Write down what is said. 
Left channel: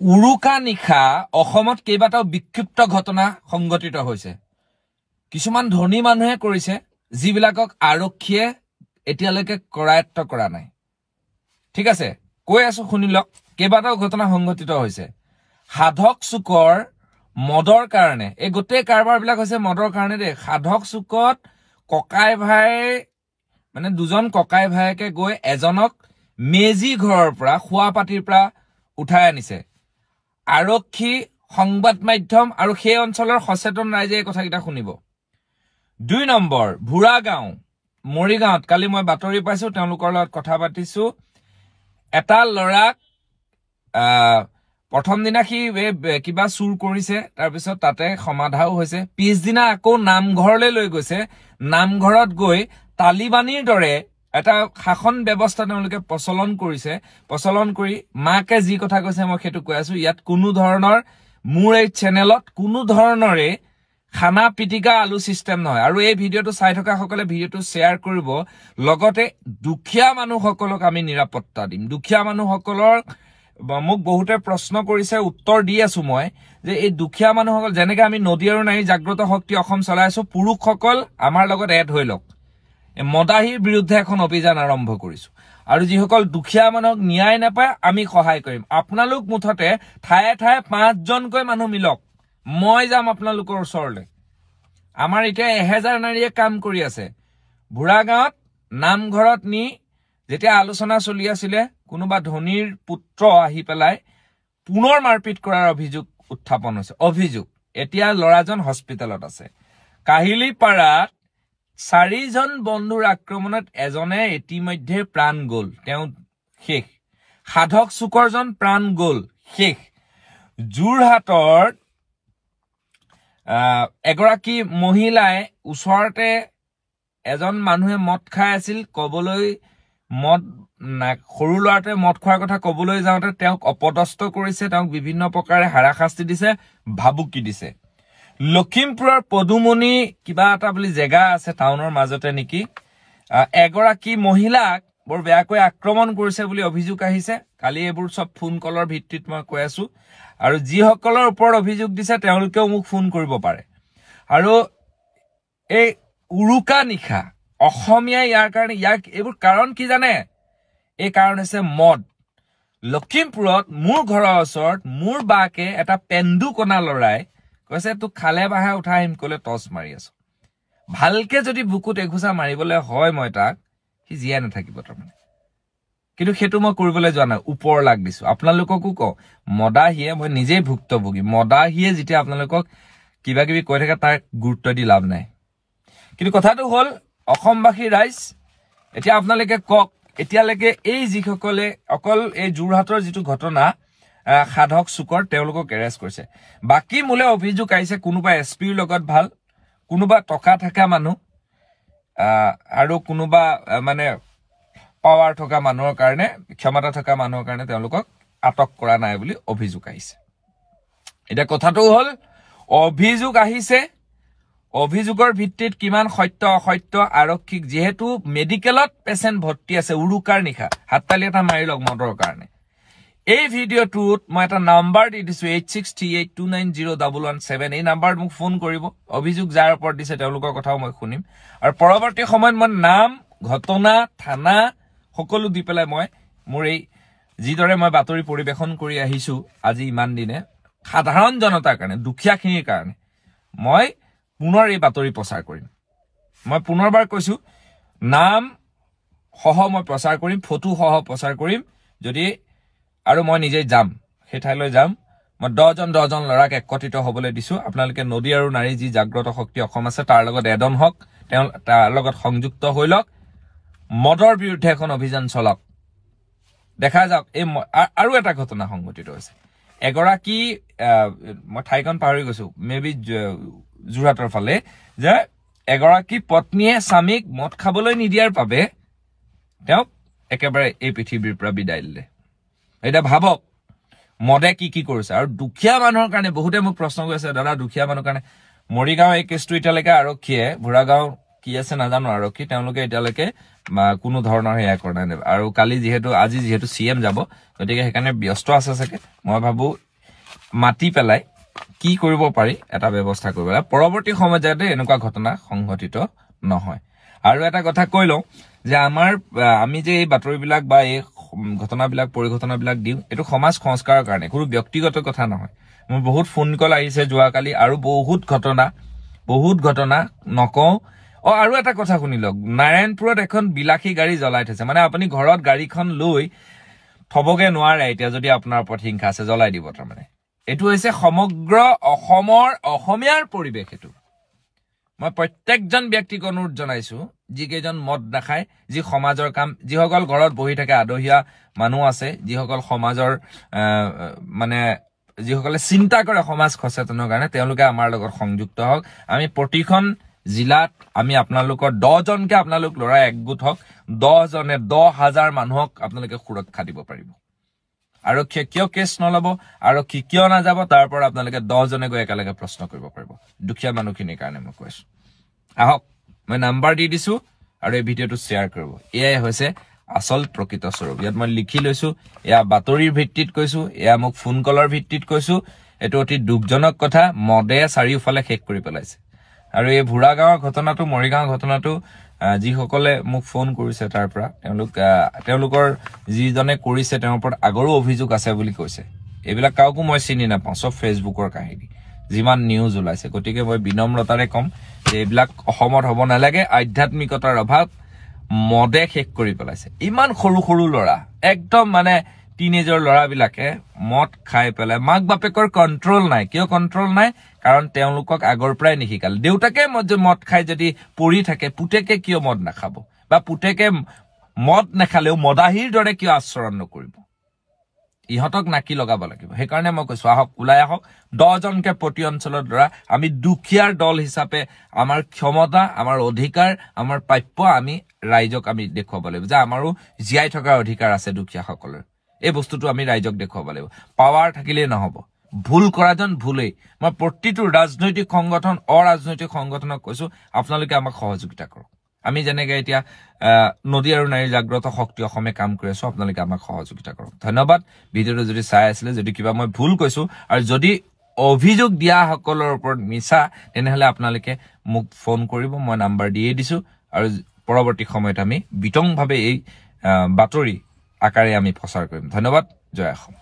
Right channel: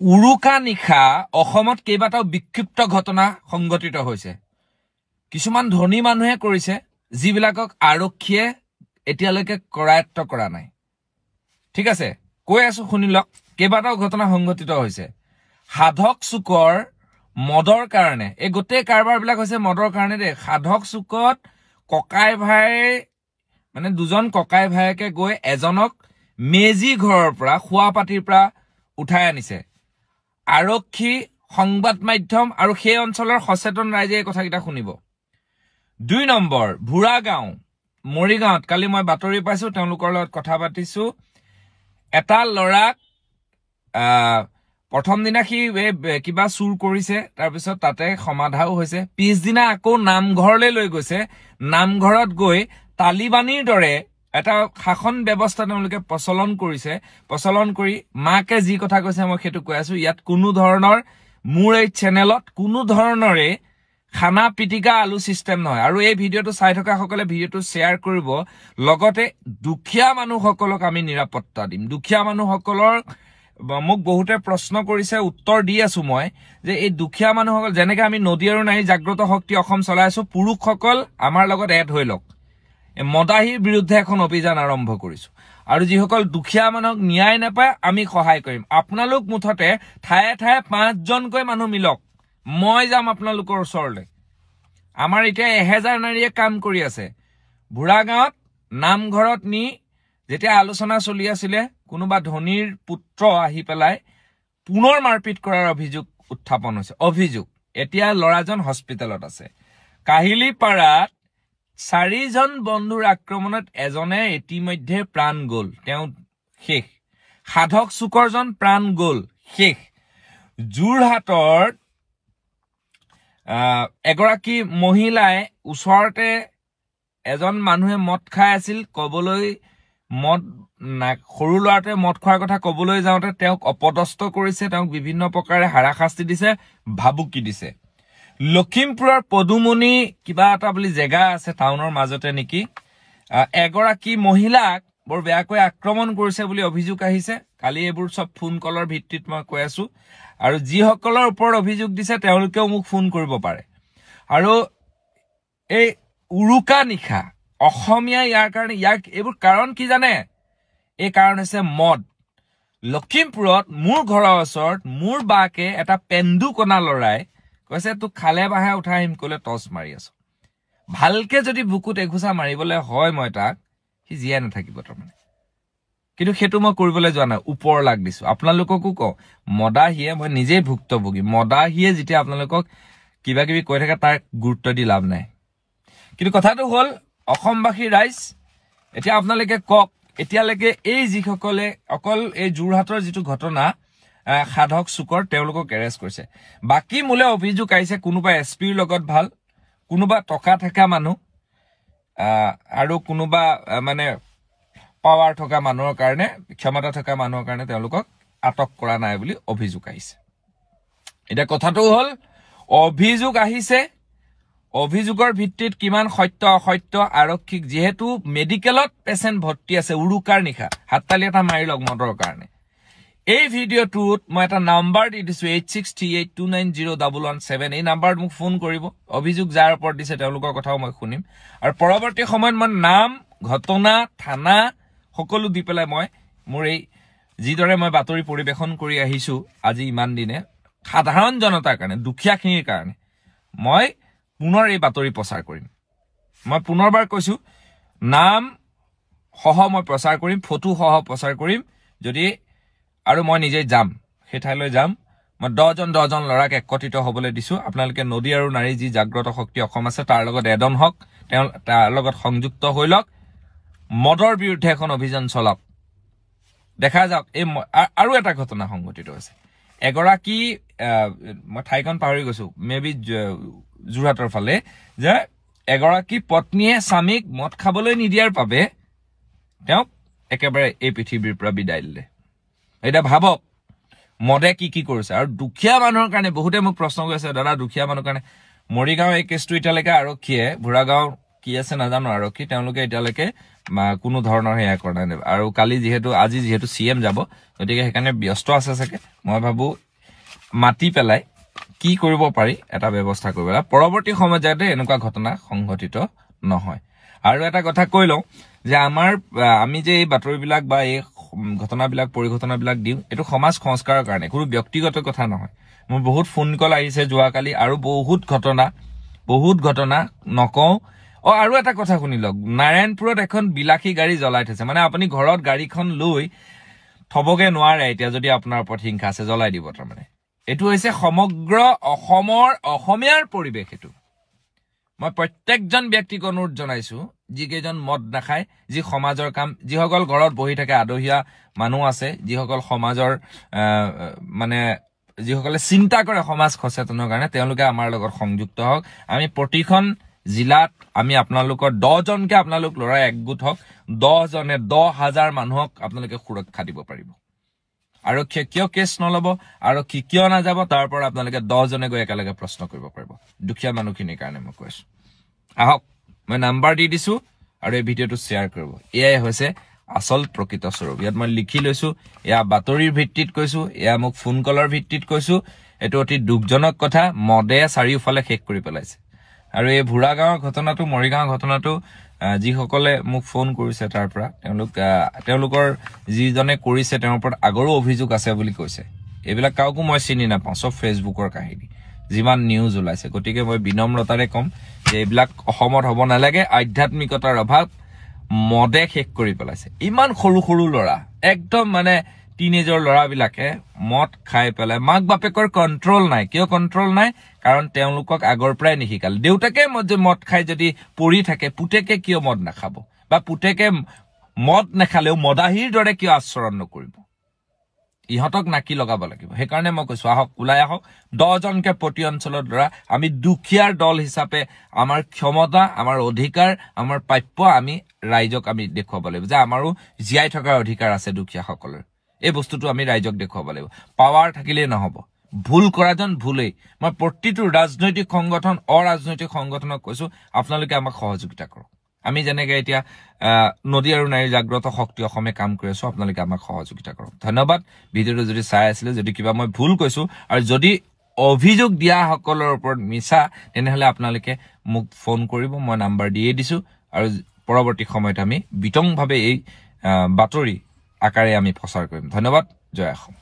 উৰুকা নিশা অসমত কেইবাটাও বিক্ষিপ্ত ঘটনা সংঘটিত হৈছে কিছুমান ধনী মানুহে কৰিছে যিবিলাকক আৰক্ষীয়ে এতিয়ালৈকে কৰায়ত্ব কৰা নাই ঠিক আছে কৈ আছো শুনিলক কেইবাটাও ঘটনা সংঘটিত হৈছে সাধক চুকৰ মদৰ কাৰণে এই গোটেই কাৰবাৰ বিলাক হৈছে মদৰ কাৰণে দে সাধক চুকত ককাই ভাই মানে দুজন ককাই ভাইকে গৈ এজনক মেজি ঘৰৰ পৰা খুৱাপাতিৰ পৰা উঠাই আনিছে আৰক্ষী সংবাদ মাধ্যম আৰু সেই অঞ্চলৰ সচেতন ৰাইজে এই কথাকিটা শুনিব 2 নম্বৰ ভুৰাগাঁও মৰিগাঁৱত কালি মই বাতৰি পাইছো তেওঁলোকৰ লগত কথা পাতিছো এটা লৰাক প্ৰথম দিনা কি কিবা চুৰ কৰিছে তাৰ পিছত তাতে সমাধাও হৈছে পিছদিনা আকৌ নামঘৰলৈ লৈ গৈছে নামঘৰত গৈ তালিবানীৰ দৰে এটা শাসন ব্যৱস্থা তেওঁলোকে প্ৰচলন কৰিছে প্ৰচলন কৰি মাকে যি কথা কৈছে মই সেইটো কৈ আছো ইয়াত কোনো ধৰণৰ মোৰ এই চেনেলত কোনো ধৰণৰে খানা পিটিকা আলু সিস্টেম নহয় আৰু এই ভিডিওটো চাই থকা সকলে ভিডিওটো শেয়াৰ কৰিব লগতে দুখীয়া মানুহসকলক আমি নিৰাপত্তা দিম দুখীয়া মানুহসকলৰ মোক বহুতে প্ৰশ্ন কৰিছে উত্তৰ দি আছো মই যে এই দুখীয়া মানুহসকল যেনেকৈ আমি নদী আৰু নাৰী জাগ্ৰত শক্তি অসম চলাইছো পুৰুষসকল আমাৰ লগত এড হৈ লওক মদাহীৰ বিৰুদ্ধে এখন অভিযান আৰম্ভ কৰিছো আৰু যিসকল দুখীয়া মানুহক ন্যায় নাপায় আমি সহায় কৰিম আপোনালোক মুঠতে ঠায়ে ঠায়ে 5 জনকৈ মানুহ মিলক মই যাম আপোনালোকৰ ওচৰলৈ আমাৰ এতিয়া 1000 নাৰীয়ে কাম কৰি আছে ভুৰাগাঁৱত নামঘৰত নি যেতিয়া আলোচনা চলি আছিল কোনোবা ধনীৰ পুত্ৰ আহি পেলাই পুনৰ মাৰপিট কৰাৰ অভিযোগ উত্থাপন হৈছে অভিযোগ এতিয়া লৰাজন হস্পিটেলত আছে কাহিলিপাৰাত 4 জন বন্ধুৰ আক্ৰমণত এজনে ইতিমধ্যে প্ৰাণ গল তেওঁ শেষ সাধক চুকৰজন প্ৰাণ গল শেষ যোৰহাটৰ এগৰাকী মহিলাই ওচৰতে এজন মানুহে মদ খাই আছিল কবলৈ মদ সৰু লৰাটোৱে মদ খোৱাৰ কথা কবলৈ যাওঁতে তেওঁক অপদস্থ কৰিছে তেওঁক বিভিন্ন প্ৰকাৰে হাৰাশাস্তি দিছে ভাবুকি দিছে লখিমপুৰৰ পদুমনি কিবা এটা বুলি জেগা আছে টাউনৰ মাজতে নেকি এগৰাকী মহিলাক বৰ বেয়াকৈ আক্ৰমণ কৰিছে বুলি অভিযোগ আহিছে কালি এইবোৰ সব ফোন কলৰ ভিত্তিত মই কৈ আছো আৰু যিসকলৰ ওপৰত অভিযোগ দিছে তেওঁলোকেও মোক ফোন কৰিব পাৰে আৰু এই উৰুকা নিশা অসমীয়া ইয়াৰ কাৰণে এইবোৰ কাৰণ কি জানে এই কাৰণ হৈছে মদ লখিমপুৰত মোৰ ঘৰৰ ওচৰত মোৰ বাকে এটা পেন্দুকণা লৰাই কৈছে তোক খালে বাহে উঠাই আহিম কলে টছ মাৰি আছো ভালকে যদি বুকুত এঘুচা মাৰিবলৈ হয় মই তাক সি জীয়াই নাথাকিব তাৰমানে কিন্তু সেইটো মই কৰিবলৈ যোৱা নাই ওপৰ লাগ দিছো আপোনালোককো কওঁ মদাহীয়ে মই নিজেই ভুক্তভোগী মদাহীয়ে যেতিয়া আপোনালোকক কিবা কিবি কৈ থাকে তাৰ গুৰুত্ব দি লাভ নাই কিন্তু কথাটো হল অসমবাসী ৰাইজ এতিয়া আপোনালোকে কক এতিয়ালৈকে এই যিসকলে অকল এই যোৰহাটৰ যিটো ঘটনা সাধক চুকৰ তেওঁলোকক এৰেষ্ট কৰিছে বাকি মোলে অভিযোগ আহিছে কোনোবা এছপিৰ লগত ভাল কোনোবা টকা থকা মানুহ আৰু কোনোবা মানে পাৱাৰ থকা মানুহৰ কাৰণে ক্ষমতা থকা মানুহৰ কাৰণে তেওঁলোকক আটক কৰা নাই বুলি অভিযোগ আহিছে এটা কথাটো হল অভিযোগ আহিছে অভিযোগৰ ভিত্তিত কিমান সত্য অসত্য আৰক্ষীক যেহেতু মেডিকেলত পেশেন্ট ভৰ্তি আছে উৰুকাৰ নিশা হাততালি এটা মাৰি লওক মদৰ কাৰণে এই ভিডিওটোত মই এটা নাম্বাৰ দি দিছো 8638290117 এই নাম্বাৰত মোক ফোন কৰিব অভিযোগ যাৰ ওপৰত দিছে তেওঁলোকৰ কথাও মই শুনিম আৰু পৰৱৰ্তী সময়ত মই নাম ঘটনা থানা সকলো দি পেলাই মই মোৰ এই যিদৰে মই বাতৰি পৰিবেশন কৰি আহিছো আজি ইমান দিনে সাধাৰণ জনতাৰ কাৰণে দুখীয়াখিনিৰ কাৰণে মই পুনৰ এই বাতৰি প্ৰচাৰ কৰিম মই পুনৰবাৰ কৈছো নাম সহ মই প্ৰচাৰ কৰিম ফটো সহ প্ৰচাৰ কৰিম যদি আৰু মই নিজে যাম সেই ঠাইলৈ যাম মই 10 জন লৰাক একত্ৰিত হ'বলৈ দিছো আপোনালোকে নদী আৰু নাৰী যি জাগ্ৰত শক্তি অসম আছে তাৰ লগত এডন হক তাৰ লগত সংযুক্ত হৈ লওক মদৰ বিৰুদ্ধে এখন অভিযান চলক দেখা যাওক এই আৰু এটা ঘটনা সংঘটিত হৈছে এগৰাকী মই ঠাইখন পাহৰি গৈছো মেবি যোৰহাটৰ ফালে যে এগৰাকী পত্নীয়ে স্বামীক মদ খাবলৈ নিদিয়াৰ বাবে তেওঁক একেবাৰে এই পৃথিৱীৰ পৰা বিদায় দিলে এটা ভাবক মদে কি কৰিছে আৰু দুখীয়া মানুহৰ কাৰণে বহুতে মোক প্ৰশ্ন কৰিছে দাদা দুখীয়া মানুহৰ কাৰণে মৰিগাঁও এই কেছটো এতিয়ালৈকে আৰক্ষীয়ে ভুৰাগাঁও কি আছে নাজানো আৰক্ষী তেওঁলোকে এতিয়ালৈকে কোনো ধৰণৰ হেয়া কৰা নাই আৰু কালি আজি যিহেতু সিএম যাব গতিকে সেইকাৰণে ব্যস্ত আছে চাগে মই ভাবো মাতি পেলাই কি কৰিব পাৰি এটা ব্যৱস্থা কৰিব লাগে পৰৱৰ্তী সময়ত যাতে এনেকুৱা ঘটনা সংঘটিত নহয় আৰু এটা কথা কৈ লওঁ যে আমি যে এই বাতৰিবিলাক বা এই ঘটনাবিলাক পৰিঘটনাবিলাক দিওঁ এটো সমাজ সংস্কাৰৰ কাৰণে কোনো ব্যক্তিগত কথা নহয় মোৰ বহুত ফোন কল আহিছে যোৱাকালি আৰু বহুত ঘটনা নকওঁ আৰু এটা কথা শুনি লওক নাৰায়ণপুৰত এখন বিলাসী গাড়ী জ্বলাই থৈছে মানে আপুনি ঘৰত গাড়ীখন লৈ থবগে নোৱাৰে এতিয়া যদি আপোনাৰ ওপৰত হিংসা আছে জ্বলাই দিব তাৰমানে এটো হৈছে সমগ্ৰ অসমীয়াৰ পৰিবেশ এটো মই প্ৰত্যেকজন ব্যক্তিক অনুৰোধ জনাইছো যিকেইজন মদ নাখায় যি সমাজৰ কাম যিসকল ঘৰত বহি থাকে আদহিয়া মানুহ আছে যিসকল সমাজৰ মানে যিসকলে চিন্তা কৰে সমাজ সচেতনৰ কাৰণে তেওঁলোকে আমাৰ লগত সংযুক্ত হওক আমি প্ৰতিখন জিলাত আমি আপোনালোকৰ 10 জনকে আপোনালোক লৰাই একগোট হওক 10 জনে 10,000 মানুহক আপোনালোকে সুৰক্ষা দিব পাৰিব আৰু কিয় কেছ নলব আৰু কিয় না যাব তাৰ পৰা আপোনালোকে 10 জনে গৈ একেলগে প্ৰশ্ন কৰিব পাৰিব দুখীয়া মানুহখিনিৰ কাৰণে মই কৈছো আহক মই নাম্বাৰ দি দিছো আৰু এই ভিডিঅটো শ্বেয়াৰ কৰিব এয়াই হৈছে আসল প্ৰকৃত স্বৰূপ ইয়াত মই লিখি লৈছো এয়া বাতৰিৰ ভিত্তিত কৈছো এয়া মোক ফোন কলৰ ভিত্তিত কৈছো এটো অতি দুখজনক কথা মদে চাৰিওফালে শেষ কৰি পেলাইছে আৰু এই ভুৰা গাঁৱৰ ঘটনাটো মৰিগাঁৱৰ ঘটনাটো যিসকলে মোক ফোন কৰিছে তাৰ পৰা তেওঁলোকৰ যিজনে কৰিছে তেওঁৰ ওপৰত আগৰো অভিযোগ আছে বুলি কৈছে এইবিলাক কাউকো মই চিনি নাপাওঁ সব ফেচবুকৰ কাহিনী যিমান নিউজ ওলাইছে গতিকে মই বিনম্ৰতাৰে কম যে এইবিলাক অসমত হ'ব নালাগে আধ্যাত্মিকতাৰ অভাৱ মদে শেষ কৰি পেলাইছে ইমান সৰু লৰা একদম মানে টিনেজৰ লৰাবিলাকে মদ খাই পেলাই মাক বাপেকৰ কন্ট্ৰোল নাই কিয় কন্ট্ৰোল নাই কাৰণ তেওঁলোকক আগৰ পৰাই নিশিকাল দেউতাকে মদ খাই যদি পৰি থাকে পুতেকে কিয় মদ নাখাব বা পুতেকে মদ নেখালেও মদাহীৰ দৰে কিয় আচৰণ নকৰিব ইহতক নাকি লগাব লাগিব সেইকাৰণে মই কৈছো আহক ওলাই আহক 10 জনকে প্ৰতি অঞ্চলৰ দ্বাৰা আমি দুখীয়াৰ দল হিচাপে আমাৰ ক্ষমতা আমাৰ অধিকাৰ আমাৰ প্ৰাপ্য আমি ৰাইজক আমি দেখুৱাব লাগিব যে আমাৰো জীয়াই থকাৰ অধিকাৰ আছে দুখীয়াসকলৰ এই বস্তুটো আমি ৰাইজক দেখুৱাব লাগিব পাৱাৰ থাকিলে নহব ভুল কৰাজন ভুলেই মই প্ৰতিটো ৰাজনৈতিক সংগঠন অৰাজনৈতিক সংগঠনক কৈছো আপোনালোকে আমাক সহযোগিতা কৰক আমি যেনেকৈ এতিয়া নদী আৰু নাৰী জাগ্ৰত শক্তি অসমে কাম কৰি আছো আপোনালোকে আমাক সহযোগিতা কৰক ধন্যবাদ ভিডিঅটো যদি চাই আছিলে যদি কিবা মই ভুল কৈছো আৰু যদি অভিযোগ দিয়া সকলৰ ওপৰত মিছা তেনেহলে আপোনালোকে মোক ফোন কৰিব মই নাম্বাৰ দিয়ে দিছো আৰু পৰৱৰ্তী সময়ত আমি বিতংভাৱে এই বাতৰি আকাৰে আমি প্ৰচাৰ কৰিম ধন্যবাদ জয় অসম